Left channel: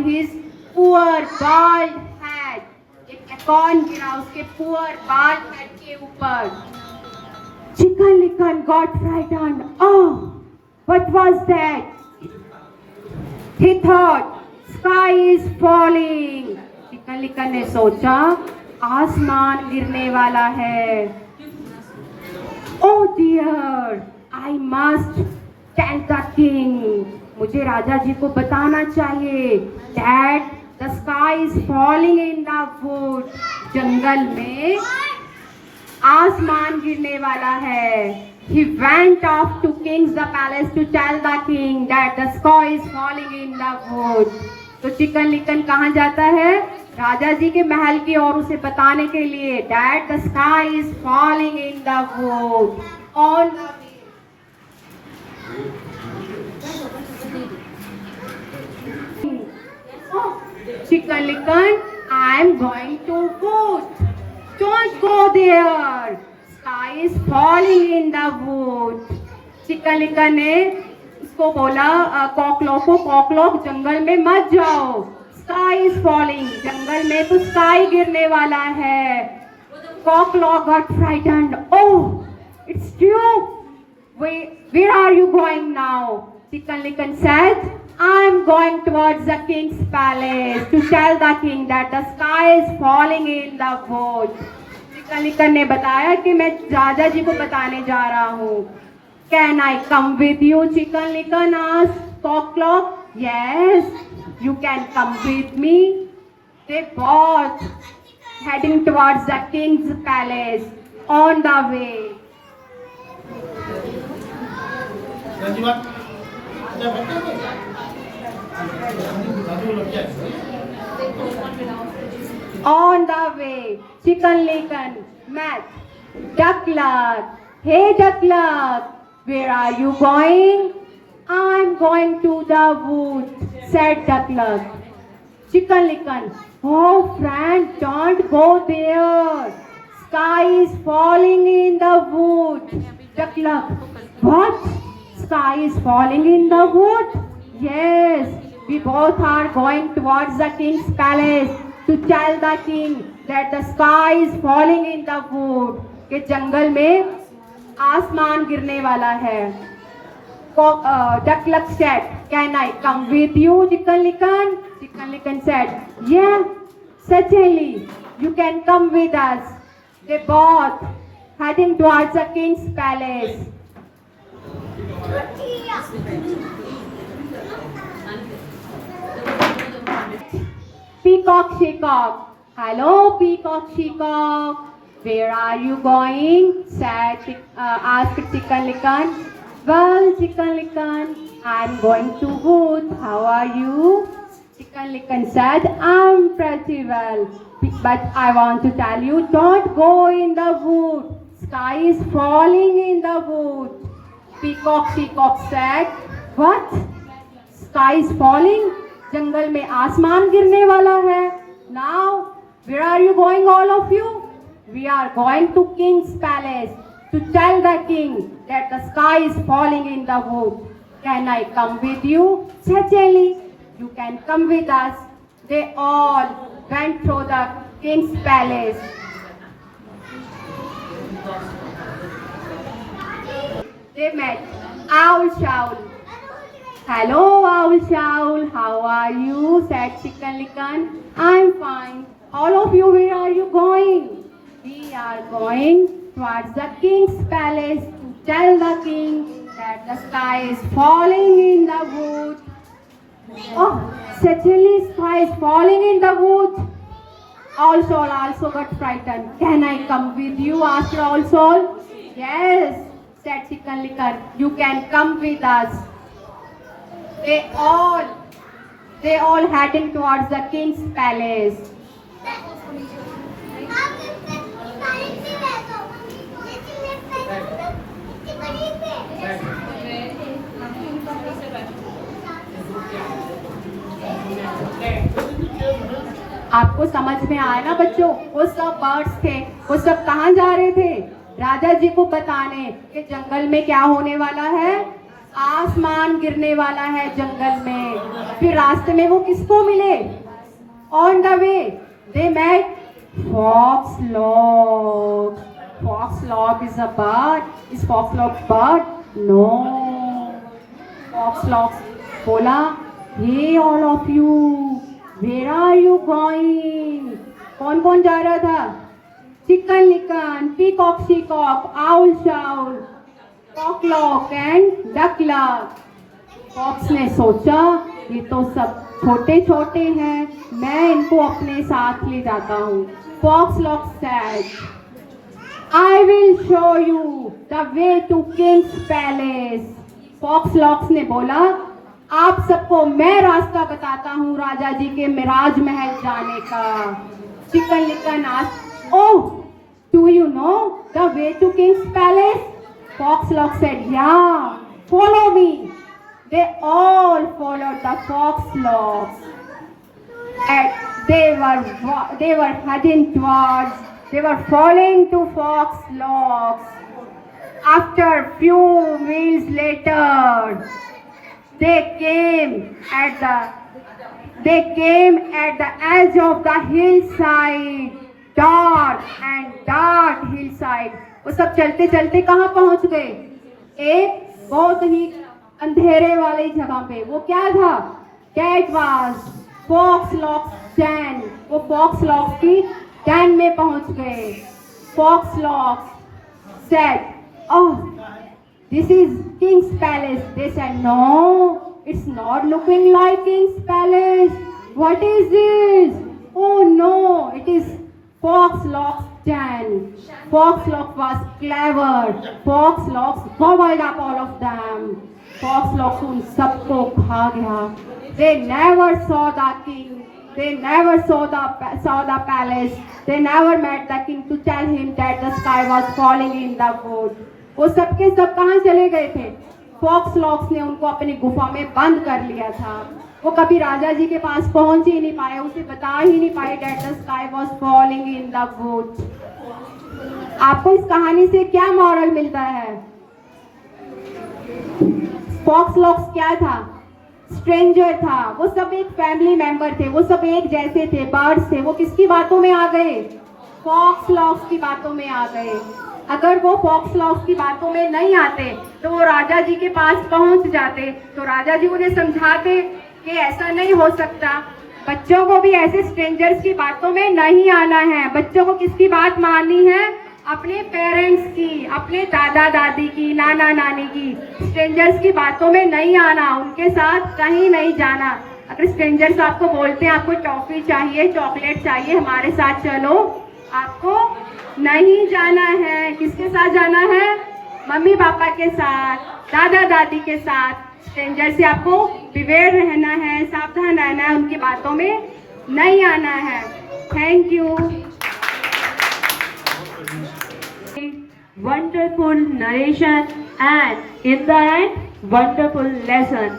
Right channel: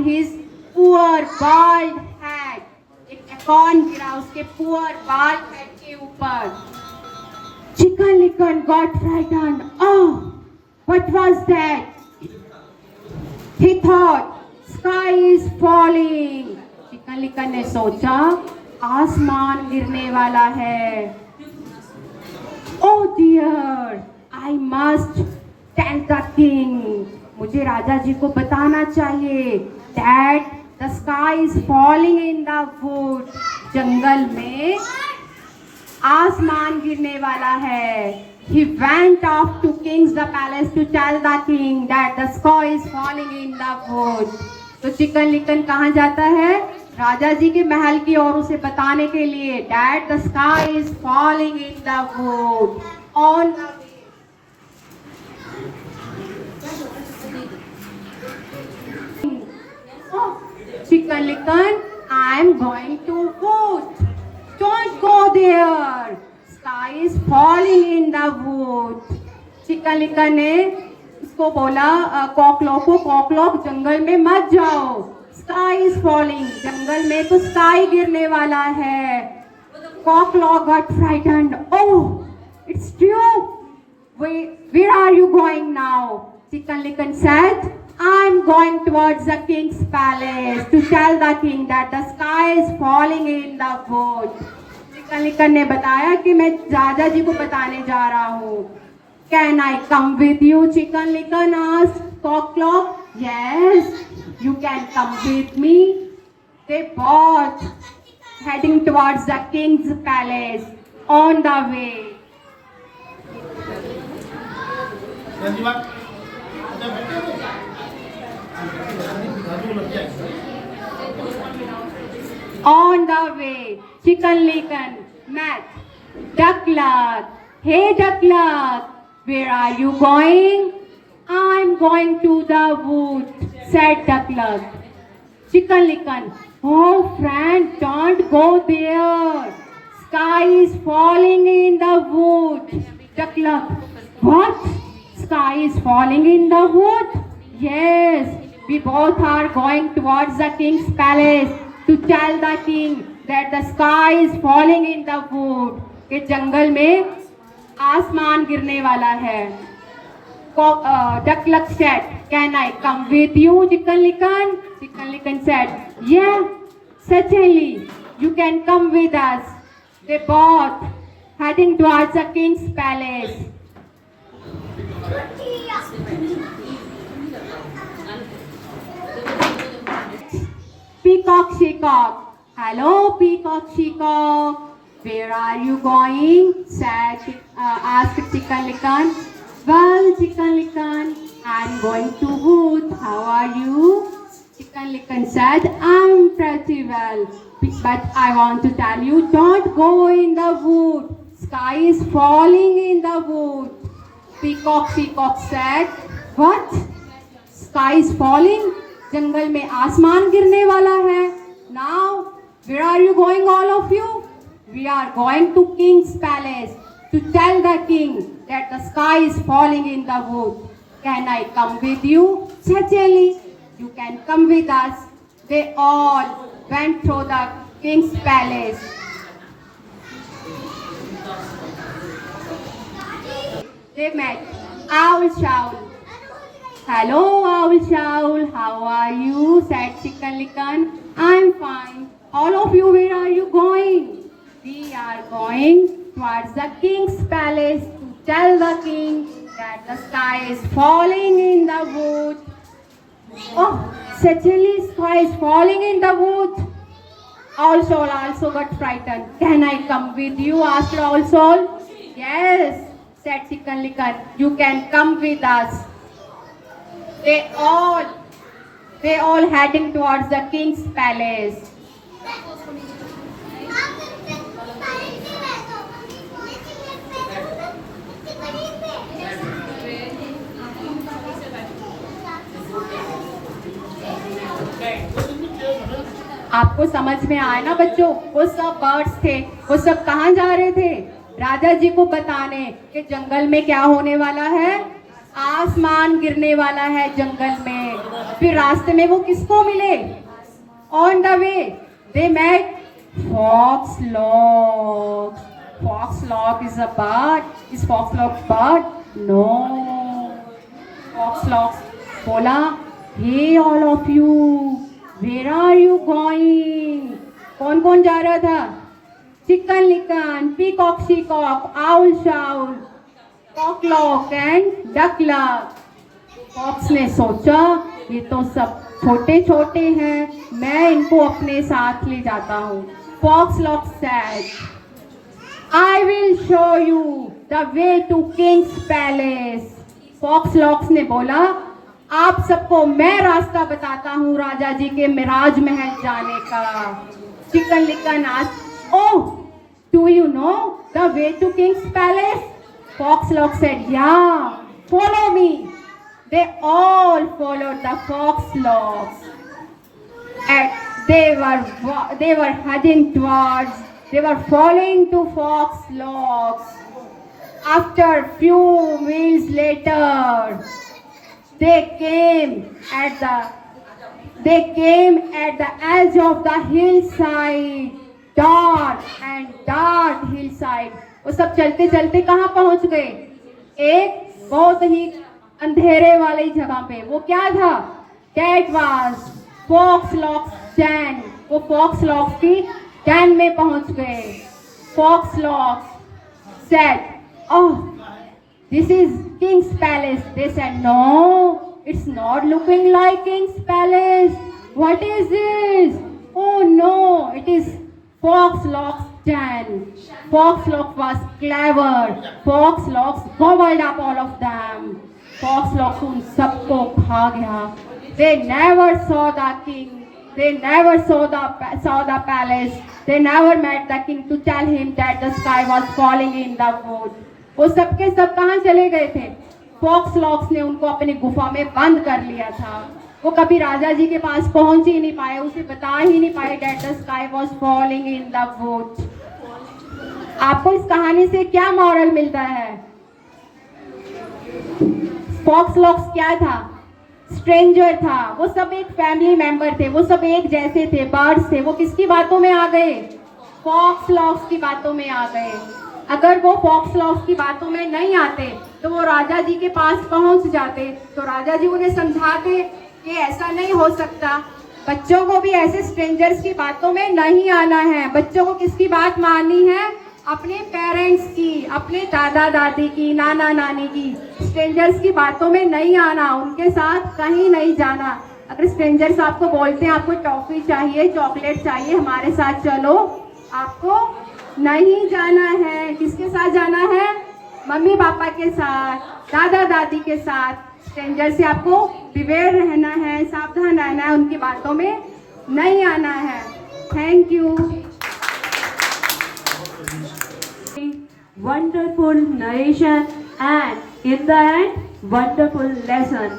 on his poor bald head. एक acorn गिरा उसके poor bald head के ऊपर. Chicken Licken got frightened. Oh, what was that? He thought, sky is falling. Chicken Licken ने सोचा आसमान गिरने वाला है. Oh dear, I must tell the king. मुझे राजा जी को बताना चाहिए. That the sky is falling in the wood. जंगल में आसमान गिरने वाला है. He went off to king's the palace to tell the king that the sky is falling in the wood. तो चिकन लिकन कहाँ जाता है? राजा जी के महल की ओर उसे बताने के लिए that the sky is falling in the wood. On the way. Chicken Licken, I am going to wood. Don't go there. Sky is falling in the wood. Chicken Licken ने उसको बोला कॉकलॉक को, कॉकलॉक जंगल में मत जाओ. Sky is falling. जंगल में तो sky गिरने वाला है. कॉकलॉक got frightened. Oh, it's true. Where are you going now? Chicken Licken said, I'm going towards the king's palace to tell the king that the sky is falling in the wood. Chicken Licken ने बताया कि मैं राजा जी को बताने जा रहा हूँ. Can I come with you? Chicken Licken asked Cocklock. Yes, you can come with me. They both heading towards the king's palace. On the way. On the way, Chicken Licken met Duck Luck. Hey Duck Luck, where are you going? I'm going to the wood, said Duck Luck. Chicken Licken, oh friend, don't go there. Sky is falling in the wood. Duck Luck, what? Sky is falling in the wood? Yes, we both are going towards the king's palace to tell the king that the sky is falling in the wood. कि जंगल में आसमान गिरने वाला है. Duck Luck said, can I come with you, Chicken Licken? Chicken Licken said, yeah, certainly, you can come with us. They both heading towards the king's palace. Peacock Shecock. Hello, Peacock Shecock. Where are you going? Asked Chicken Licken. Well, Chicken Licken, I'm going to wood. How are you? Chicken Licken said, I'm pretty well. But I want to tell you, don't go in the wood. Sky is falling in the wood. Peacock Shecock said, what? Sky is falling? जंगल में आसमान गिरने वाला है. Now, where are you going, all of you? We are going to King's Palace to tell the king that the sky is falling in the wood. Can I come with you? Certainly, you can come with us. They all went through the King's Palace. They met Owl Shawl. Hello, Owl Shawl. How are you? Said Chicken Licken. I'm fine. All of you, where are you going? We are going towards the king's palace to tell the king that the sky is falling in the wood. Oh, certainly sky is falling in the wood. Owl Shawl also got frightened. Can I come with you? Asked Owl Shawl. Yes, said Chicken Licken. You can come with us. They all heading towards the king's palace. आपको समझ में आया ना बच्चों? वो सब birds थे. वो सब कहाँ जा रहे थे? राजा जी को बताने कि जंगल में क्या होने वाला है. आसमान गिरने वाला है जंगल में. फिर रास्ते में वो किसको मिले? On the way they met Foxlock. Foxlock is a bird. Is Foxlock bird? No. Foxlock बोला, hey all of you, where are you going? कौन कौन जा रहा था? Chicken Licken, Peacock Sheacock, Owl Showl, Cocklock and Duckluck. Fox ने सोचा ये तो सब छोटे छोटे हैं, मैं इनको अपने साथ ले जाता हूँ। Foxlock said, I will show you the way to King's Palace. Foxlock ने बोला, आप सबको मैं रास्ता बताता हूँ राजा जी के मिराज महल जाने का। Chicken Licken asked, Oh, do you know the way to King's Palace? Foxlock said, Yeah, follow me. They all followed the Foxlocks. And they were heading towards, they were falling to Foxlocks. After few minutes later, they came at the edge of the hillside, dark hillside. वो सब चलते चलते कहाँ पहुँच गए? एक बहुत ही अंधेरे वाली जगह पे। वो क्या था? That was Foxlock's den. वो Foxlock की den में पहुंच गए। Foxlock said, "Oh, this is King's Palace." They said, "No, it's not looking like King's Palace. What is this?" "Oh no, it is Foxlock's den." Foxlock was clever. Foxlock gobbled up all of them. Foxlock उन सबको खा गया। They never saw the king. They never saw the palace. They never met the king to tell him that the sky was falling in the wood. वो सबके सब कहाँ चले गए थे? Foxlock ने उनको अपनी गुफा में बंद कर लिया था। वो कभी राजा जी के पास पहुंच ही नहीं पाए, उसे बता ही नहीं पाए that the sky was falling in the wood. आपको इस कहानी से क्या मॉरल मिलता है? Foxlock क्या था? स्ट्रेंजर था। वो सब एक फैमिली मेंबर थे, वो सब एक जैसे थे, बर्ड्स थे। वो किसकी बातों में आ गए? Foxlock की बातों में आ गए। अगर वो Foxlock की बातों में नहीं आते तो वो राजा जी के पास पहुंच जाते, तो राजा जी उन्हें समझाते कि ऐसा नहीं हो सकता, बच्चों को भी ऐसे स्ट्रेंजर्स की बातों में नहीं आना है। बच्चों को किसकी बात माननी है? अपने पेरेंट्स की, अपने दादा दादी की, नाना नानी की। स्ट्रेंजर्स की बातों में नहीं आना, उनके साथ कहीं नहीं जाना। अगर स्ट्रेंजर्स आपको बोलते हैं आपको टॉफी चाहिए, चॉकलेट चाहिए, हमारे साथ चलो, आपको नहीं जाना है। किसके साथ जाना है? मम्मी पापा के साथ, दादा दादी के साथ। स्ट्रेंजर से आपको बिवेयर रहना है, सावधान रहना है, उनकी बातों में नहीं आना है। Thank you. Wonderful narration and in the end wonderful lesson.